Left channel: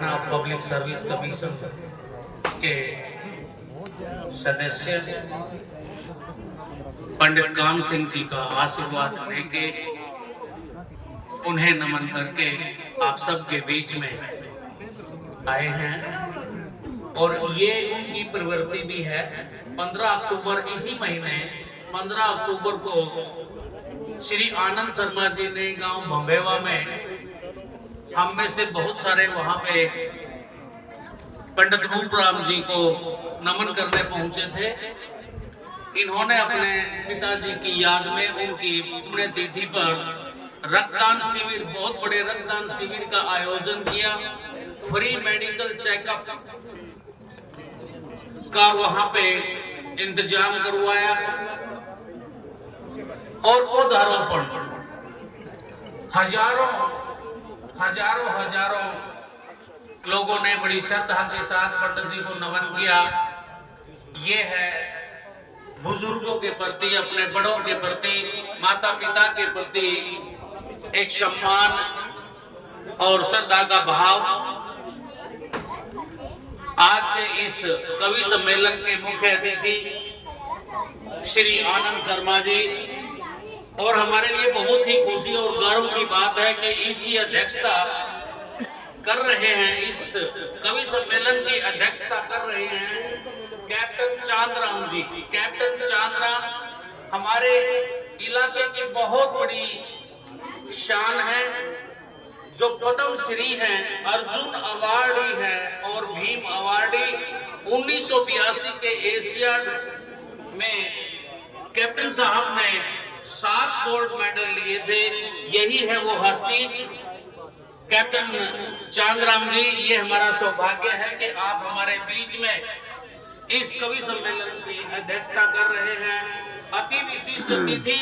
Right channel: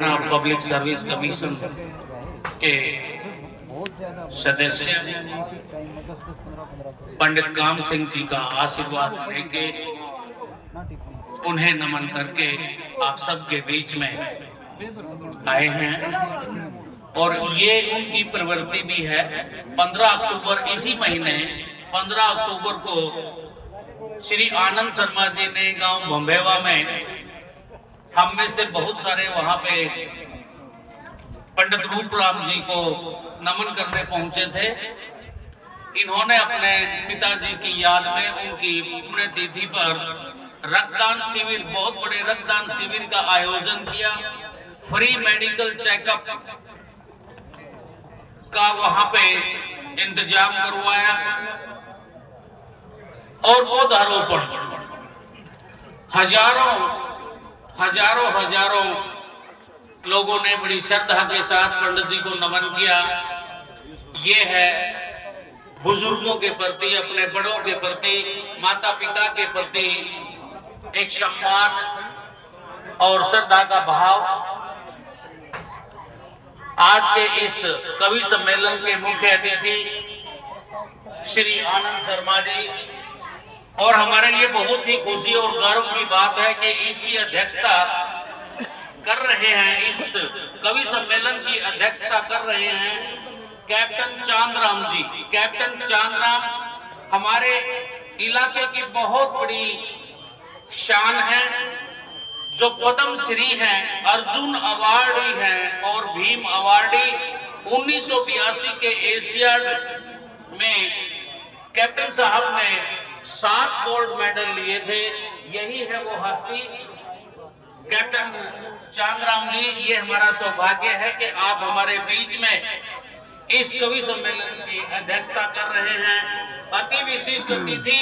Public service commission के सदस्य पंडित काम सिंह जी का आशीर्वाद लेके उन्हें नमन करके आप सबके बीच में आए हैं। और ये उनकी प्रवृत्ति भी है। 15 अक्टूबर इसी महीने 15 अक्टूबर को श्री आनंद शर्मा जी ने गांव भंभेवा में हम में से बहुत सारे वहां पे पंडित रूपराम जी को नमन करने पहुंचे थे। इन्होंने अपने पिताजी की याद में उनकी पुण्यतिथि पर रक्तदान शिविर, बहुत बड़े रक्तदान शिविर का आयोजन किया। फ्री मेडिकल चेकअप का वहां पे इंतजाम करवाया और पौधारोपण हजारों लोगों ने बड़ी श्रद्धा के साथ पंडित जी को नमन किया। ये है बुजुर्गों के प्रति, अपने बड़ों के प्रति, माता पिता के प्रति एक सम्मान और श्रद्धा का भाव। आज के इस कवि सम्मेलन के मुख्य अतिथि श्री आनंद शर्मा जी, और हमारे लिए बहुत ही खुशी और गर्व की बात है कि इसकी अध्यक्षता कर रहे हैं, इस कवि सम्मेलन की अध्यक्षता कर रहे हैं कैप्टन चांदराम जी। कैप्टन चांदराम हमारे इलाके की बहुत बड़ी शान है, जो पद्म श्री हैं, अर्जुन अवार्डी हैं और भीम अवार्डी। 1982 के एशियाड में कैप्टन साहब ने 7 गोल्ड मेडल लिए थे। यही है वो हस्ती कैप्टन चांदराम जी। ये हमारा सौभाग्य है कि आप हमारे बीच में इस कवि सम्मेलन की अध्यक्षता कर रहे हैं। अति विशिष्ट अतिथि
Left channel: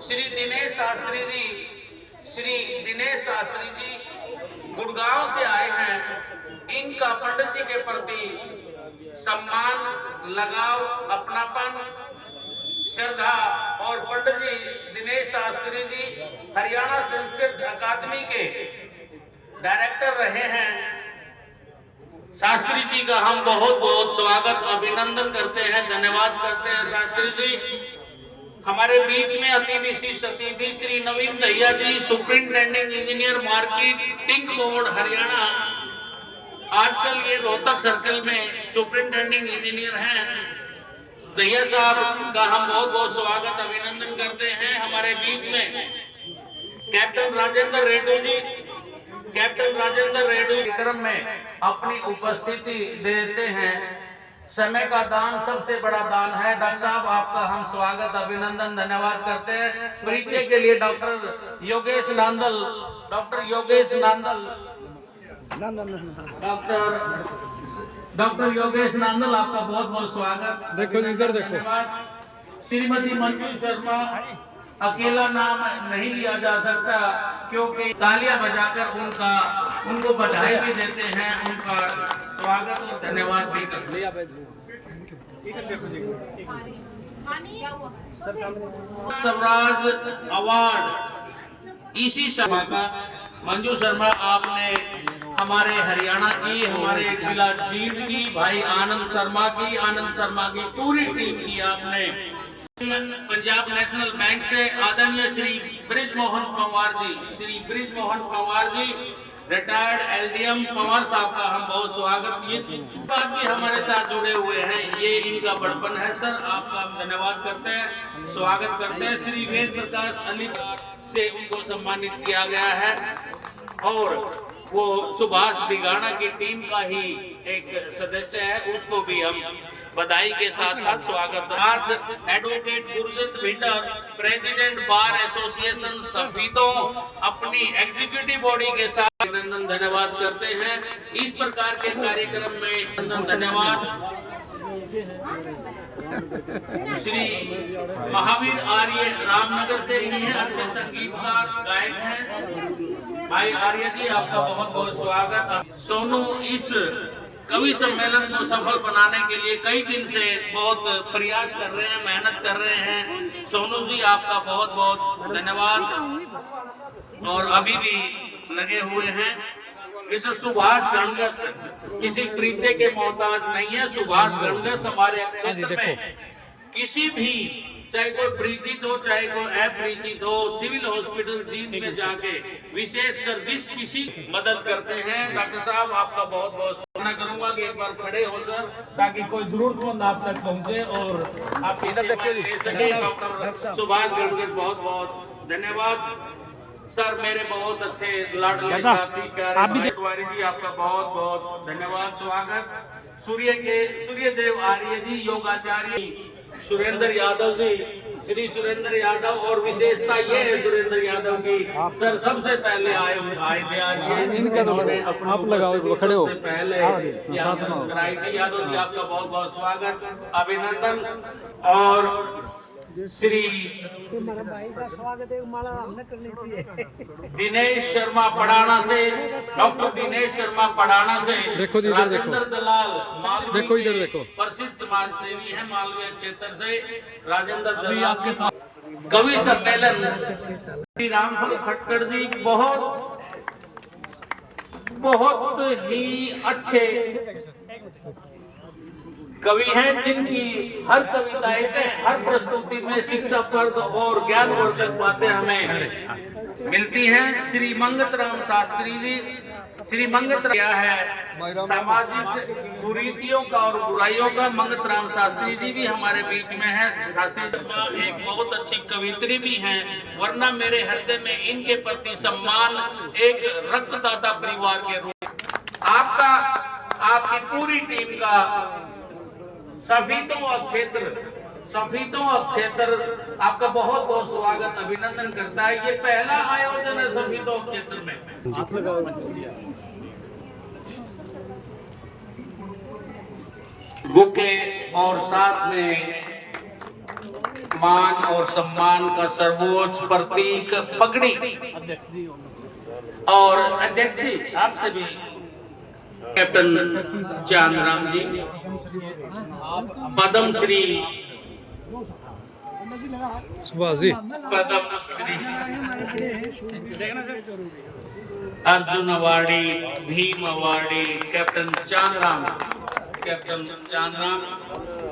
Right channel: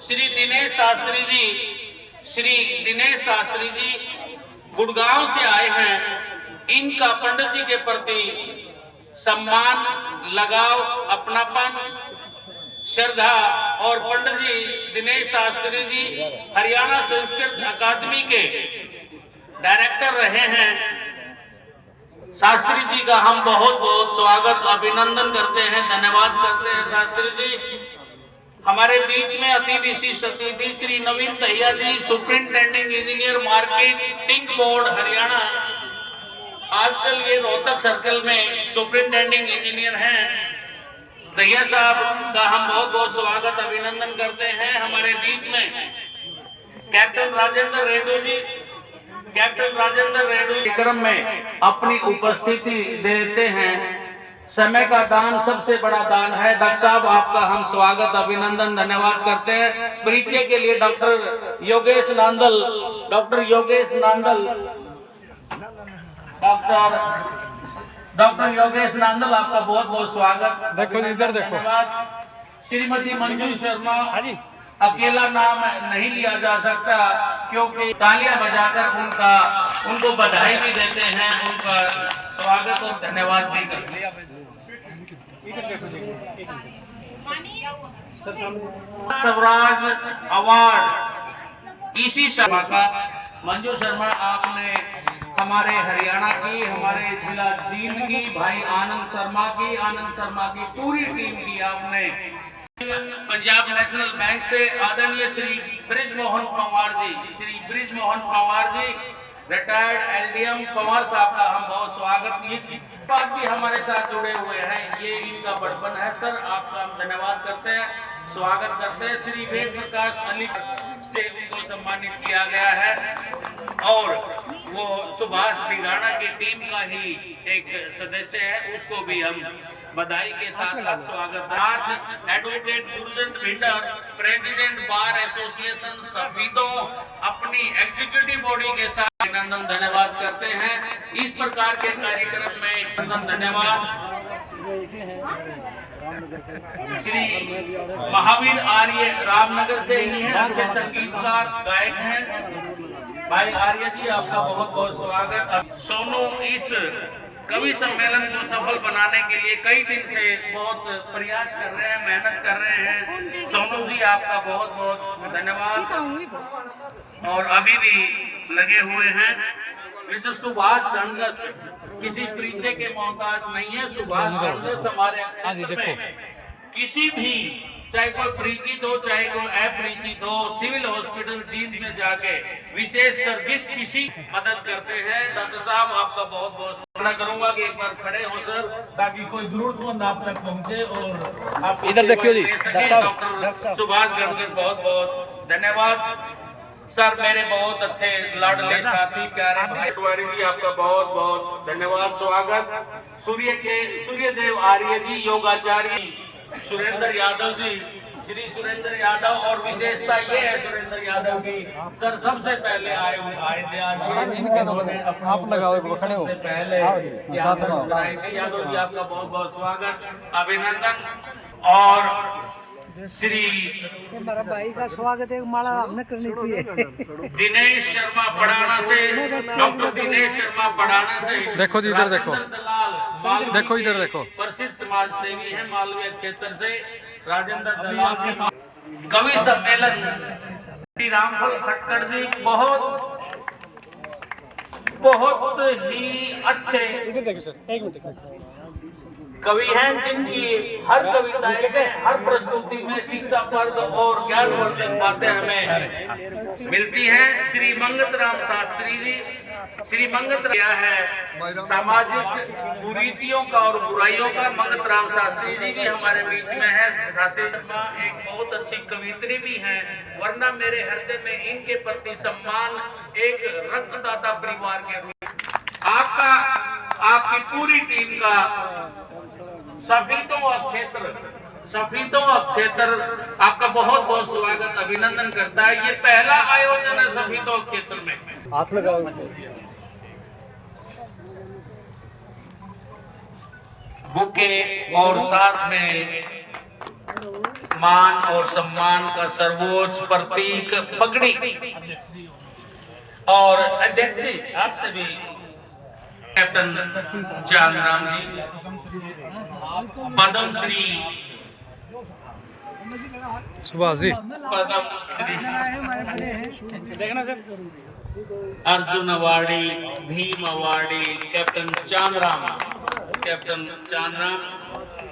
श्री दिनेश शास्त्री जी, श्री दिनेश शास्त्री जी गुड़गांव से आए हैं। इनका पंडित जी के प्रति सम्मान, लगाव, अपनापन, श्रद्धा, और पंडित जी दिनेश शास्त्री जी हरियाणा संस्कृत अकादमी के डायरेक्टर रहे हैं। शास्त्री जी का हम बहुत बहुत स्वागत, अभिनंदन करते हैं, धन्यवाद करते हैं। शास्त्री जी हमारे बीच में अति विशिष्ट अतिथि Shri Naveen Dahiya ji, superintending engineer, marketing board Haryana. आजकल ये रोहतक सर्कल में सुपरिंटेंडिंग इंजीनियर हैं। दहिया साहब का हम बहुत बहुत स्वागत, अभिनंदन करते हैं। हमारे बीच में कैप्टन राजेंद्र रेड्डी जी, कैप्टन राजेंद्र रेड्डी कार्यक्रम में अपनी उपस्थिति देते हैं। समय का दान सबसे बड़ा दान है। डॉक्टर साहब आपका हम स्वागत, अभिनंदन, धन्यवाद करते हैं। परिचय के लिए doctor Yogesh Nandal, doctor Yogesh Nandal, doctor Yogesh Nandal आपका बहुत बहुत स्वागत। देखो इधर देखो। श्रीमती मंजू शर्मा, अकेला नाम नहीं लिया जा सकता, क्योंकि तालियां बजाकर उनको बधाई भी देते हैं, उनका स्वागत और धन्यवाद भी करते हैं। स्वराज अवार्ड इसी शर्मा का, मंजू शर्मा आपने हमारे हरियाणा की, हमारे जिला जींद की, भाई आनंद शर्मा की पूरी टीम की आपने। पंजाब नेशनल बैंक से आदरणीय श्री ब्रिजमोहन पंवार जी, श्री ब्रिजमोहन पंवार जी रिटायर्ड एलडीएम पंवार साहब का हम बहुत स्वागत। ये बात भी हमारे साथ जुड़े हुए हैं, ये इनका बड़पन है। सर आपका हम धन्यवाद करते हैं, स्वागत करते हैं। श्री वेद प्रकाश अली से उनको सम्मानित किया गया है, और वो सुभाष बिगाड़ा की टीम का ही एक सदस्य है, उसको भी हम बधाई के साथ साथ स्वागत। आज advocate Gurjant Bhinder, president bar association Safidon, अपनी एग्जीक्यूटिव बॉडी के साथ अभिनंदन, धन्यवाद करते हैं। इस प्रकार के कार्यक्रम में धन्यवाद। श्री महावीर आर्य रामनगर से ही हैं, अच्छे संगीतकार, गायक हैं। भाई आर्य जी आपका बहुत बहुत स्वागत। सोनू इस कवि सम्मेलन को सफल बनाने के लिए कई दिन से बहुत प्रयास कर रहे हैं, मेहनत कर रहे हैं। सोनू जी आपका बहुत बहुत धन्यवाद, और अभी भी लगे हुए हैं। मिस्टर सुभाष गणगस किसी परिचय के मोहताज नहीं है। सुभाष गणगस हमारे क्षेत्र में किसी भी, चाहे कोई परिचित हो चाहे कोई अपरिचित हो, सिविल हॉस्पिटल जींद में जाके विशेषकर जिस किसी मदद करते हैं। डॉक्टर साहब आपका बहुत बहुत शुक्रिया करूंगा कि एक बार खड़े हो सर, ताकि कोई जरूरतमंद आप तक पहुंचे और आप इधर देखियो जी। डॉक्टर सुभाष गणगस बहुत बहुत धन्यवाद सर। मेरे बहुत अच्छे लाडले साथी प्यारे भाई जी, आपका बहुत बहुत धन्यवाद। स्वागत सूर्यदेव आर्य जी, योगाचार्य सुरेंद्र यादव जी, श्री सुरेंद्र यादव, और विशेषता ये है सुरेंद्र यादव की सर सबसे पहले आए थे आज इनका तो आप लगाओ एक खड़े हो पहले साथ में यादव जी, आपका बहुत बहुत स्वागत अभिनंदन। और श्री मेरा भाई का स्वागत एक माला हमने करनी चाहिए। दिनेश शर्मा पड़ाना से, डॉक्टर दिनेश शर्मा पड़ाना से, देखो जी इधर देखो, दलाल देखो इधर देखो, प्रसिद्ध समाज सेवी है मालवीय क्षेत्र से राजेंद्र दलाल के साथ। कवि सम्मेलन श्री रामफल खटकर जी बहुत ही अच्छे कवि हैं, जिनकी हर कविताएं में, हर प्रस्तुति में शिक्षाप्रद और ज्ञानवर्धक बातें हमें मिलती हैं। श्री मंगत राम शास्त्री जी, श्री मंगत क्या है सामाजिक कुरीतियों का और बुराइयों का, मंगत राम शास्त्री जी भी हमारे बीच में हैं। शास्त्री जी एक बहुत अच्छी कवित्री भी हैं, वरना मेरे हृदय में इनके प्रति सम्मान एक रक्तदाता परिवार के रूप आपका, आपकी पूरी टीम का सफीतों क्षेत्र आपका बहुत बहुत स्वागत अभिनंदन करता है। ये पहला आयोजन है सफीतों क्षेत्र में। बुके और साथ में मान और सम्मान का सर्वोच्च प्रतीक पगड़ी, और अध्यक्ष जी आपसे भी captain Chandram ji, Padma Shri Subhash ji, Padma Shri Arjun awardee, Bhim awardee captain Chandram,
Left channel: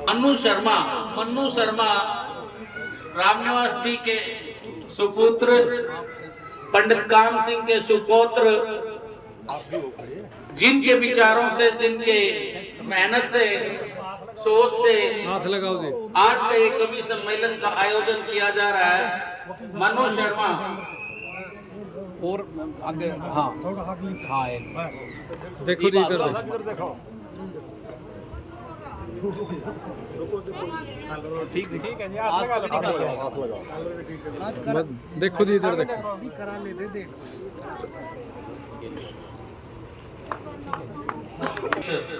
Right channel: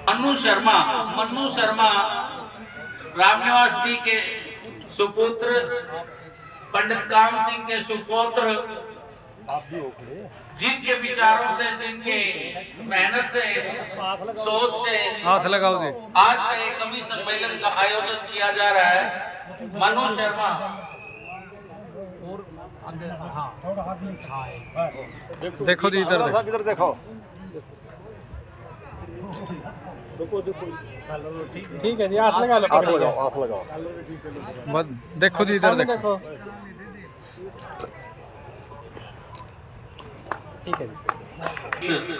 Mannu Sharma Ramniwas ji के सुपुत्र, पंडित काम सिंह के सुपुत्र, जिनके विचारों से, जिनके मेहनत से, सोच से हाथ लगाओ जी, आज का एक कवि सम्मेलन का आयोजन किया जा रहा है। मनु शर्मा और आगे देखो जी इधर देखो, ठीक है जी, हाथ लगा लो, बस देखो जी इधर देखो।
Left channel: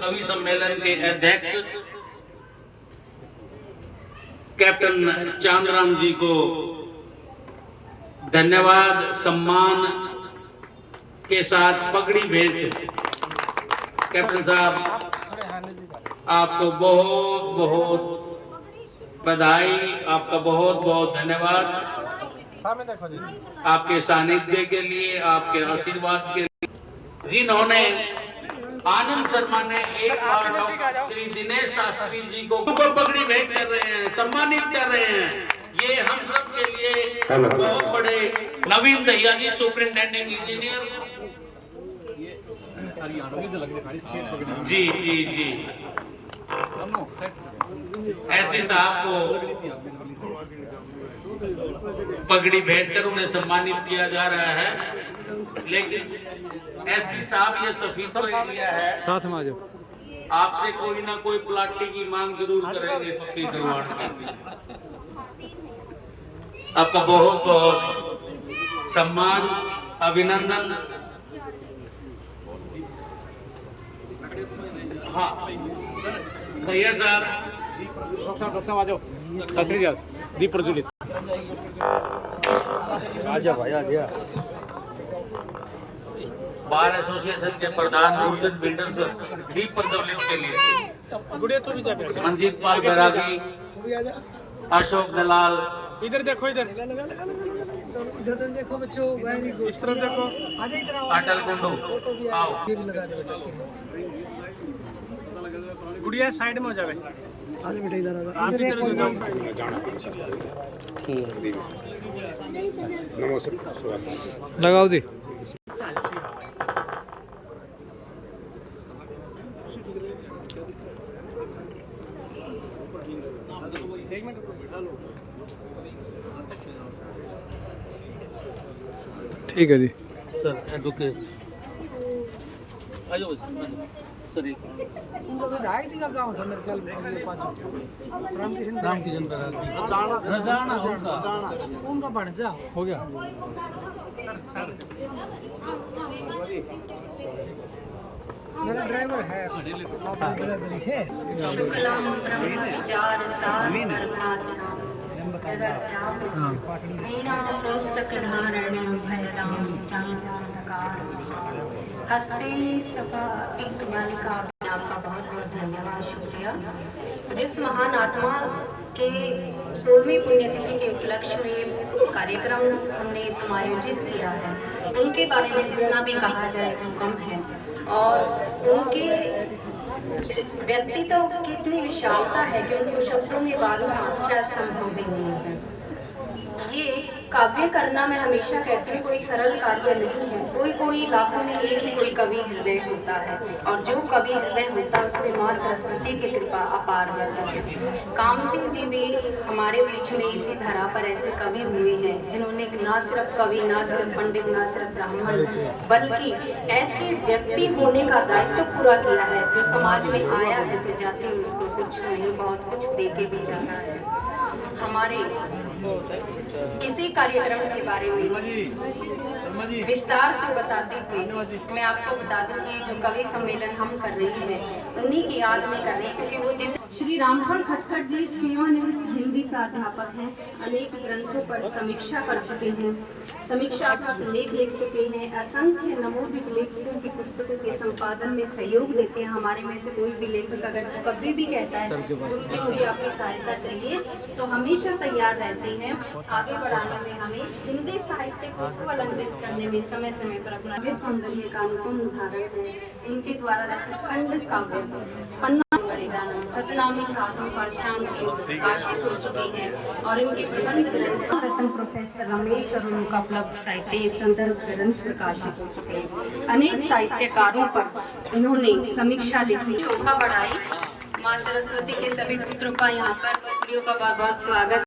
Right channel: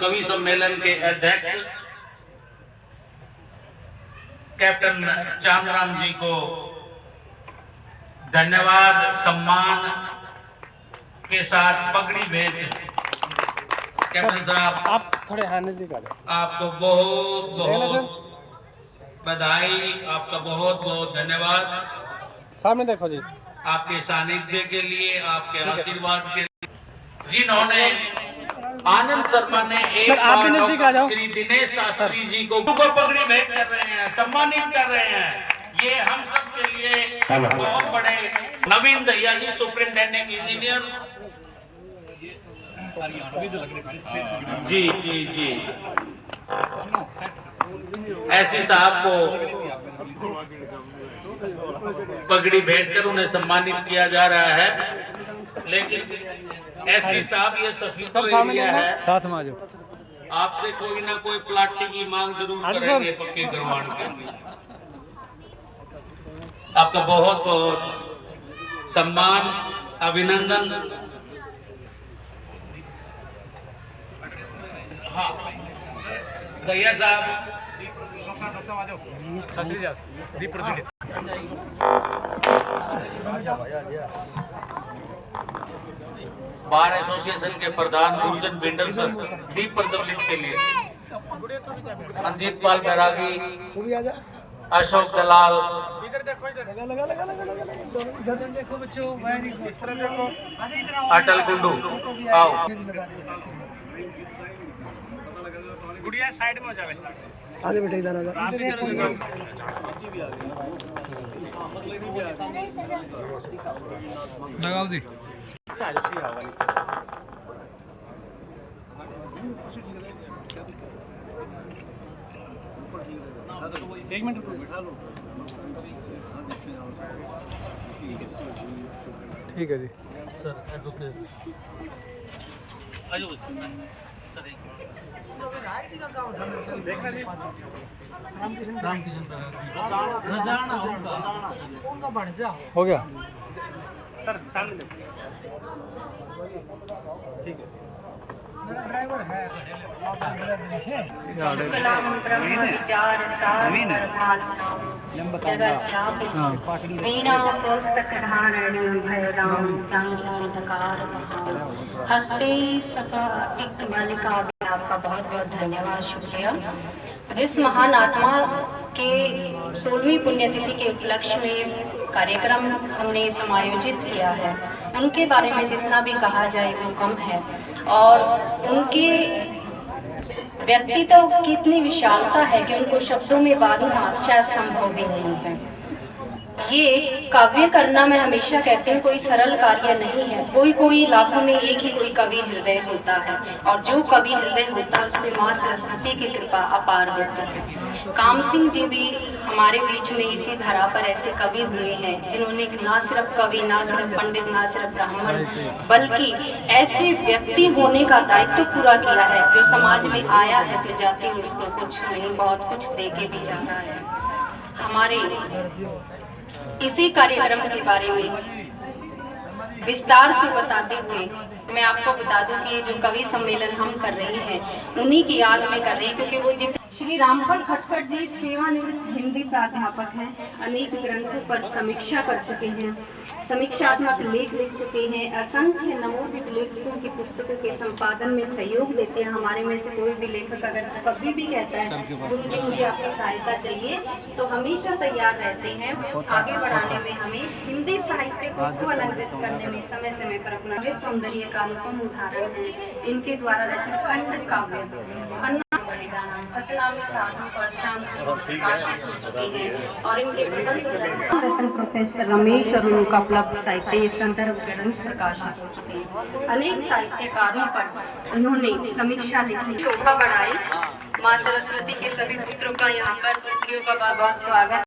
कवि सम्मेलन के अध्यक्ष कैप्टन चांदराम जी को धन्यवाद, सम्मान के साथ पगड़ी भेंट। कैप्टन साहब आप थोड़े आपको बहुत बहुत बधाई, आपका बहुत बहुत धन्यवाद सामने देखो जी, आपके सानिध्य के लिए, आपके आशीर्वाद के लिए। जिन्होंने आनंद शर्मा ने एक बार श्री दिनेश शास्त्री जी को पगड़ी भेंट कर रहे हैं, सम्मानित कर रहे हैं। ये हम सब के लिए बहुत बड़े। नवीन दहिया जी सुपरिंटेंडिंग इंजीनियर जी जी जी, ऐसी साहब को पगड़ी भेंट कर उन्हें सम्मानित किया जा रहा है। लेकिन ऐसी साहब ये सफीसो एरिया है, साथ में आ जाओ। आपसे कोई ना कोई प्लाटिंग की मांग जरूर करेंगे पक्की करवाने के लिए। आपका बहुत बहुत सम्मान, अभिनंदन। हाँ भैया साहब, डॉक्टर साहब आ जाओ, शास्त्री जी दीप प्रज्वलित। बार एसोसिएशन के प्रधान डिवीजन बिल्डर सर दीप प्रज्वलित के लिए रंजीत पाल बैरागी, अशोक दलाल, इधर देखो, इधर इधर देखो बच्चों, वेरी गुड। तरफ देखो। आजा इधर आओ। अटल कुंडू फोटो भी आओ। आए लगा दे। गुड़िया साइड में हो जावे। आगे बेटा इधर आजा। आप इधर हो जाओ। लगाओ जी। एक मिनट रुको। ठीक है जी। सर एडवोकेट आ जाओ सर। एक ढाई जी का गाँव था मेरे ख्याल में, पाँचों रामकिशन उनका बन जा। हो गया। मेरा ड्राइवर है, आप ड्राइवर है। हस्ते बालिका आपका बहुत बहुत धन्यवाद, शुक्रिया। जिस महान आत्मा के 16वीं पुण्यतिथि के उपलक्ष्य में कार्यक्रम हमने समायोजित किया है, उनके बारे में जितना भी कहा जाए वो कम है। और उनके व्यक्तित्व की इतनी विशालता है कि उनको शब्दों में बांधना शायद संभव भी नहीं है। ये काव्य करना, मैं हमेशा कहती हूँ, कोई सरल कार्य नहीं है। कोई लाखों में एक ही कोई कवि हृदय होता है, और जो कवि हृदय होता है उसमें माँ सरस्वती की कृपा अपार होती है। काम सिंह जी भी हमारे बीच में इसी धरा पर ऐसे कवि हुए हैं जिन्होंने ना सिर्फ कवि, ना सिर्फ पंडित, ना सिर्फ ब्राह्मण, बल्कि ऐसे व्यक्ति होने का दायित्व पूरा किया है जो समाज में आया है तो जाति उसको कुछ नहीं बहुत कुछ दे के भी जाता है। हमारे इसी कार्यक्रम के बारे में विस्तार से बताते हुए मैं आपको बता दूं कि ये जो कवि सम्मेलन हम कर रहे हैं उन्हीं की याद में कर रहे हैं, क्योंकि वो श्री रामफल खटखट जी सेवानिवृत्त हिंदी प्राध्यापक हैं। अनेक ग्रंथों पर समीक्षा कर चुके हैं, समीक्षात्मक लेख लिख चुके हैं, असंख्य नवोदित लेखकों की पुस्तकों के संपादन में सहयोग देते हैं। हमारे में से कोई भी लेखक अगर कभी भी कहता है गुरु जी मुझे आपकी सहायता चाहिए, तो हमेशा तैयार रहते हैं आगे बढ़ाने में, हमें हिंदी साहित्य को सुअलंकृत करने में समय समय पर अपना सौंदर्य का अनुपम उदाहरण है। इनके द्वारा रचित खंड काव्य सतनामी साधन पर शांति प्रकाशित हो चुके हैं, और इनके प्रबंध ग्रंथ प्रोफेसर रमेश और उनका उपलब्ध साहित्य संदर्भ ग्रंथ प्रकाशित हो चुके हैं। अनेक साहित्यकारों पर इन्होंने समीक्षा लिखी, शोभा बढ़ाई। माँ सरस्वती के सभी पुत्रों का यहाँ पर का बहुत बहुत स्वागत।